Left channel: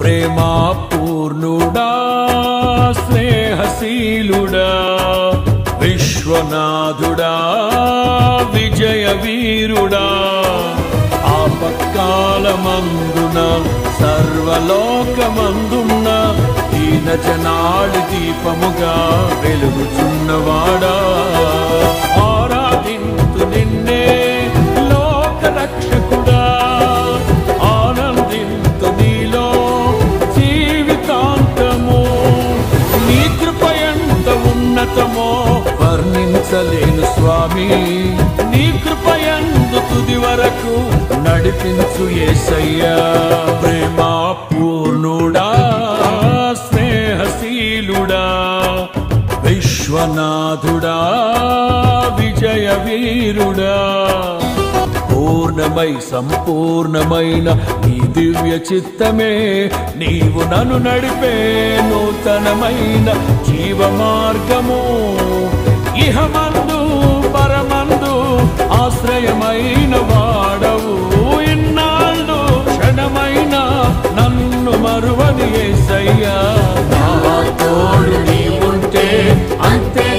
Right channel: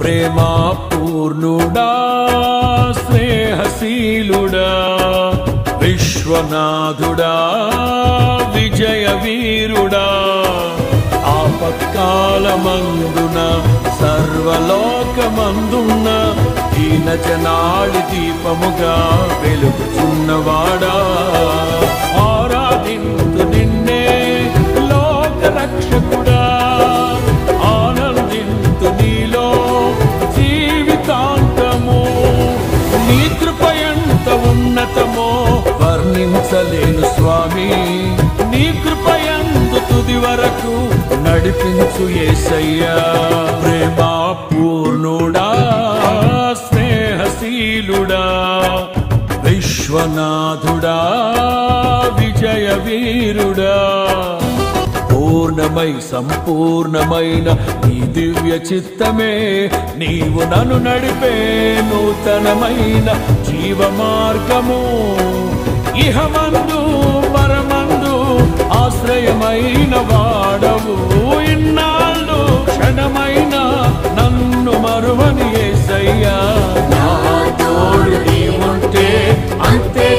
ప్రేమా పూర్ణుడా స్నేహశీలుడా విశ్వనాథుడా విజయ వీరుడా ఆపత్కాలమందున సర్వలోకమందున్న దీన జనాళి దీపముగా వెలుగుచున్నవాడా ఆరాధింతు నిన్నే లోక రక్షకుడా ఆనందింతు నీలో జీవితాంతము నీ కృప ఎంత ఉన్నతమో వర్ణించలేను స్వామి నీ కృప యందు తుది వరకు నడిపించు యేసయ్యా ప్రేమా పూర్ణుడా స్నేహశీలుడా విశ్వనాథుడా విజయ వీరుడా పూర్ణమై సంపూర్ణమైన నీ దివ్య చిత్తమే నీవు నన్ను నడిపే నూతనమైన జీవ మార్గము ఇహమందు పరమందు ఆశ్రయమైన వాడవు ఇన్నాళ్ళు క్షణమైన నన్ను మరువని యేసయ్యా నా తోడు నీవుంటే అంతే